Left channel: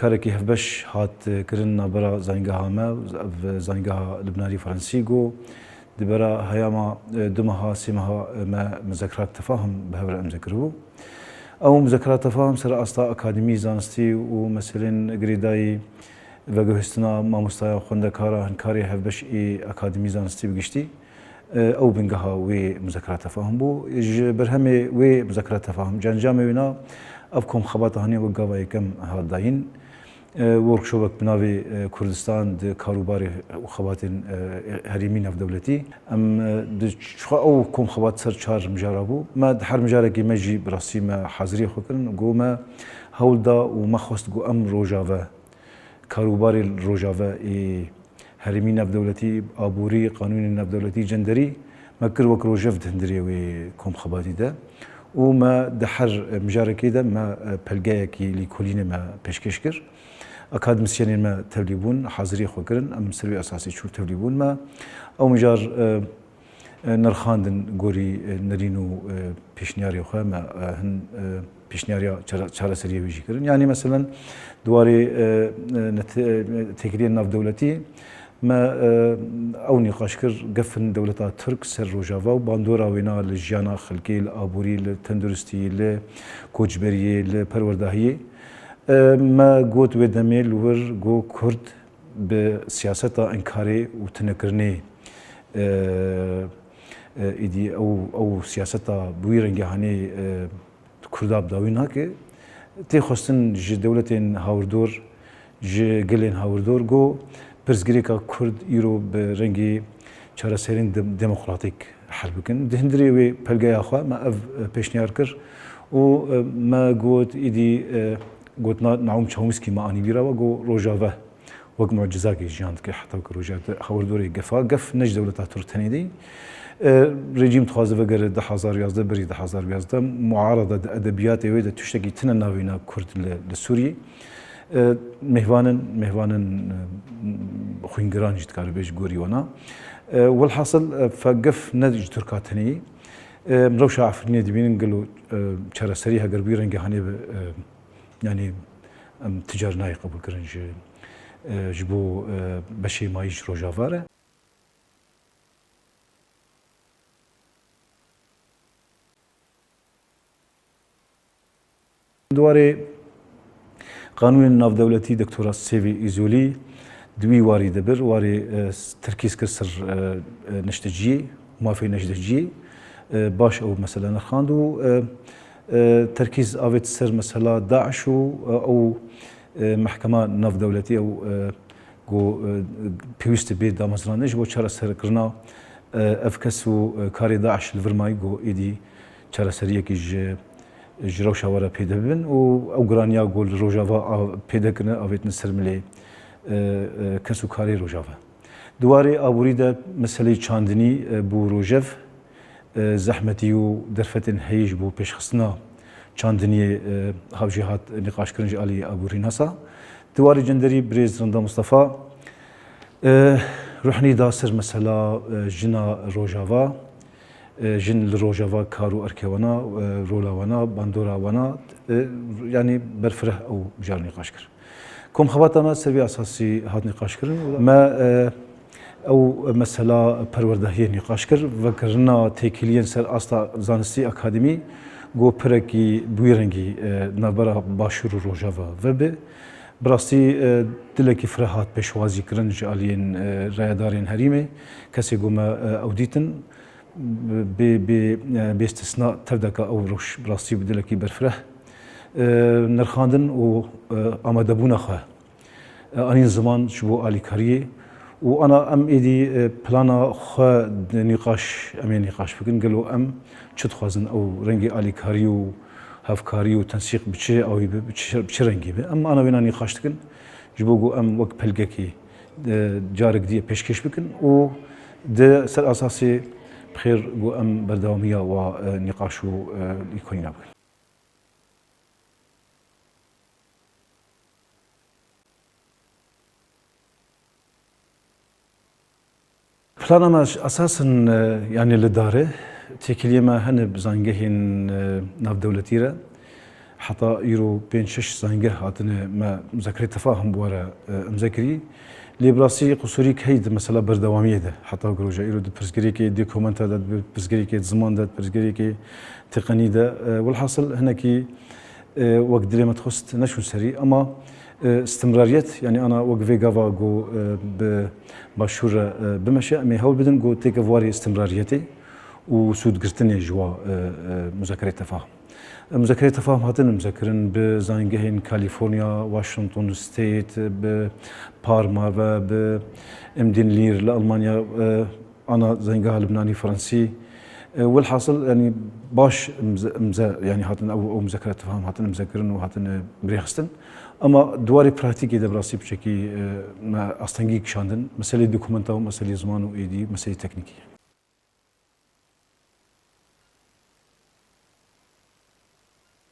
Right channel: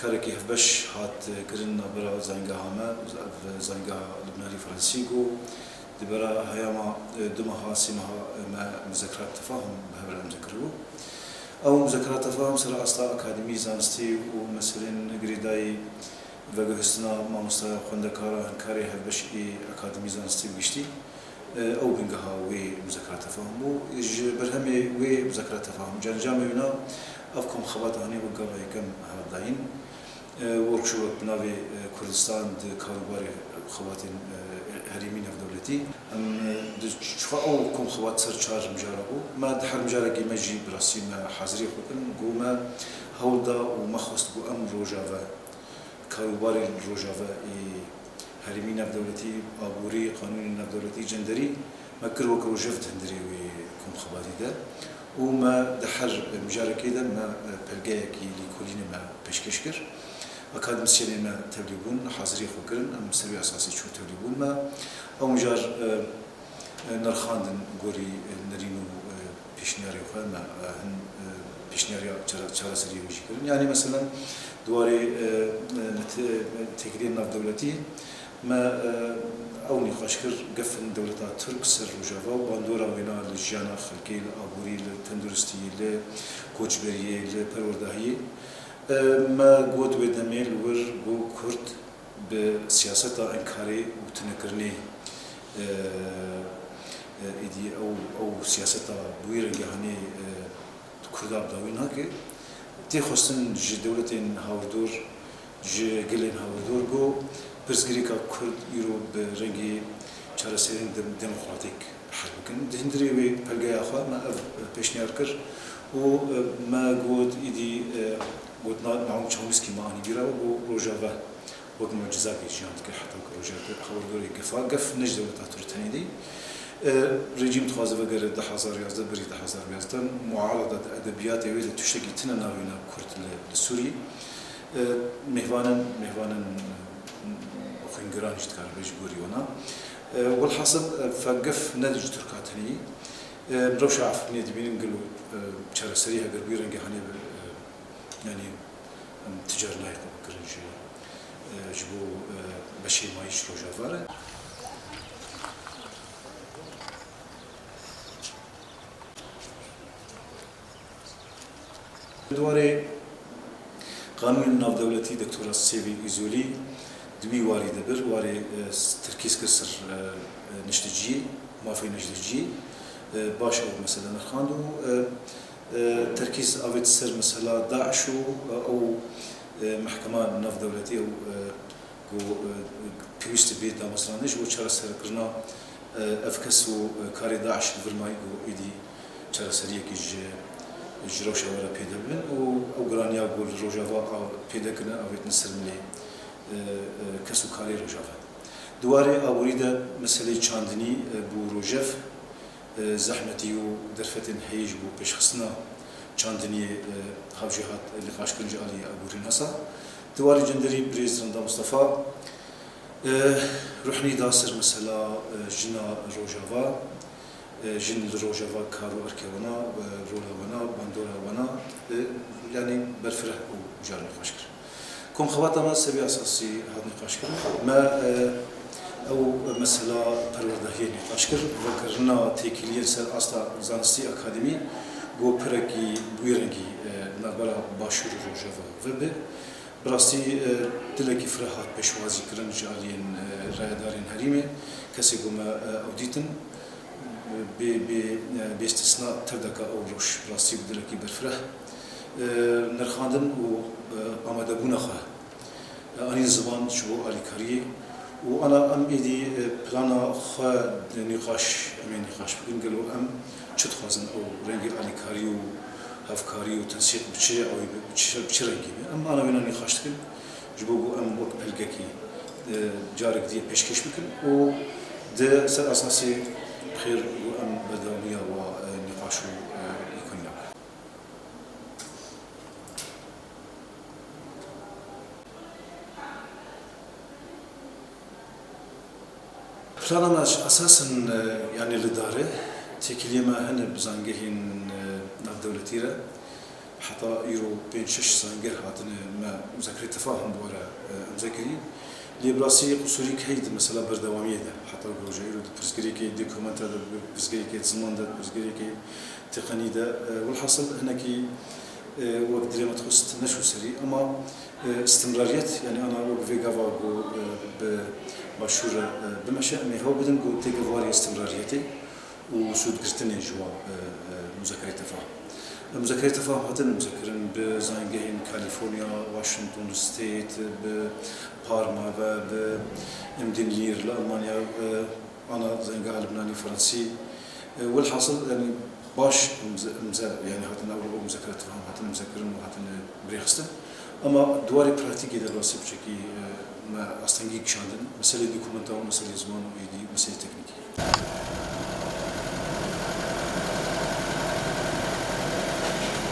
كاركي هفبش هات كرنا برا زنجها ما زنجها لبناني فرنسيجو دبرا هياما دمها سمها ما مذكرات تفاهم بهبل مذكره او مذكرات تفاهم سر اصلا اكاديمي زانستي ومثلا جريداي وجهستنا ما مستوى خندكارا هنكاري هفبش اي اكاديمي زانستي بجشتي او بنجها ومذكرات تفاهم بو برهمي ومذكرات تفاهم جنجامي ونا افكم خبات هني وقابا كم هاداين وركشوبك بناوي كردستان كاروباري وخباتين هريمين في دولتي ام شخا او كم خبات سر چار مجاربو ما دحر مجاركي مجي براسي ما حاضري خوكن قوما هولدا وما خواست قو ام روجافا كاروباري روجافا هريمين في دولتي ابوري قانوني في دولتي جندري ما كر وك روجفت هندري وي كم خباتي ده وما دحر مجاركي ده ما بلغايكي لكلين ما بشكشكر اكاديميسيين ما تبليبون حاضري خوكرن ام سروي اساسي شو تبليبون ما او مجار نرخاندن غوري نرينو بيشنياري خو ما هن بيشنياريا چارا سريه ويجي كرن يعني مثلا دواري تكرير ناف دولتي ما او نقاشكر قفن دولتا ترك سر روجافا وباندورا وينا للجانا خلقي الابوري للتندرستي لكوچبري لپرورداهي ما قوت ودميل ور قو كرد بسياسة انكاري وتنكرني ايدي او سياسة بويرنجي هاني كرداب داوين هاكي تي خصن جي دولتين هاوردور جي قلين هاوردور قو برزگريكا كرد يرو برنجي چارا سيرين ديمقراطيك حربكن دهندري وي بلغايا خوا ما اف بيشنيار كر و ما قوت ايدي قلت نعوم تشومسكي ما اني بيرا وقو روجافا وقت معجزاكي جانت كي حتى روجافا حول دوري قف نج دولة ترتني دي رجيم تخازف غير 10,000 بري 10,000 معارضة ادبيات ويدا تشتكي تننا وينا كرد لسوري مهوانا خوينجران جت كاربيش غوري وانا والحاصل فقف نج تركاتني مروش عفرني دبين قالوا شرا سريها قلبي رنجي هاني يعني تجار نايقة بكرنج جبو بشي مايش روجافارة دواري قانون الناف دولتي دكتورة سيفي إيزولي دوي واري دبر واري تركيز كسر نشتجي ما في نشتجي باش او مثلا نرخاندو تركيز افيت سر مثلا داعش او محكمه ناف دولتي او جو بيوست بي دامزرانش بو چرا سر کرنا افكسو كاري داعش الفرماي جو ايدي چرا سريكي جرو شاورا بيدبن او غرانيا جول روجافا بيدكنا افيت نسر ملي كسو كاري روجافا دواري اوريدا مسألة چاندني بو روجف زحمتي ودرفتن هيج بو پیش خصنا چاندني هاوجهات نقاش كرنج علي ابورين هسا دواري جندري بريز رندا مصطفى روحني داسر مثلا جنا روجافا جن روجافا كارو اركيوانا رولاوانا باندوراوانا يعني برفره او جار نقاش كر كم خواتا ما سبي اساسي هات نقاش كر ما او مثلا پروردهی نقاش کر و کرنا تکیلین سر استا زانستی اکادمی گو پرکی بویرنگی نبرا باشور روجاوا و به براستی دلکی فرحات پیشوازی کرن جالین رایدارین هریمه کسی گوما اودیتن به استثناء تردک او روش براستی بدلکی برفره نرخاندن و آماده بونا خواه آنین زمان شبو آلی کاریه وانا ام ايدي بلانا خا نقاش امين نقاش بكن قالوا ام شد خازن او رنجي الي كاريو هاف كاريو تنسيق بشي او بشي رنجي اما انا بينا نقاش تكن جبوغو ام وك بلغكي جارك دي بيشكش بكن و ده سر اساسي بخير بو ام برداوميه ونقاشو يكوننا بلانا اساسا يعني للداره تكليما هن بزانجهن ناف دولتيره حتى يرو بين شش زنجه هاتنا ما مذاكرة تفاهم بورا مذاكري لي براسي قصوري كهيد مثلا بردوامية ده حتى جروجا يرو برزقري كي ديكومنت ده برزقري كي زمان ده برزقري كي تقني ده والحاصل هنا كي وقت ما تخصت نشو سري أما استمرارية يعني أنا وقفي جافا جو بشورة بمشي أمي هو بدن جو تيك فواري استمراريتي وسود قرتني جوا مذاكرة تفاهم مذاكرة تفاهم هاتن مذاكرين بزاينجهين كاليفورنيا واشنطن ستيت ببارما بامدين لير لألمانيا أنا زاينجها لبناني فرنسي والحاصل يعني باش يعني هاتن أو مذاكرة تفاهم هاتن مذاكرين وهاتن بريخستن أما دواري براتيكي ده براسي بشكل ما أستنجيك شاندن مسألة دوكومنتا ومسألة زمان وإيدي مسألة تكنيكية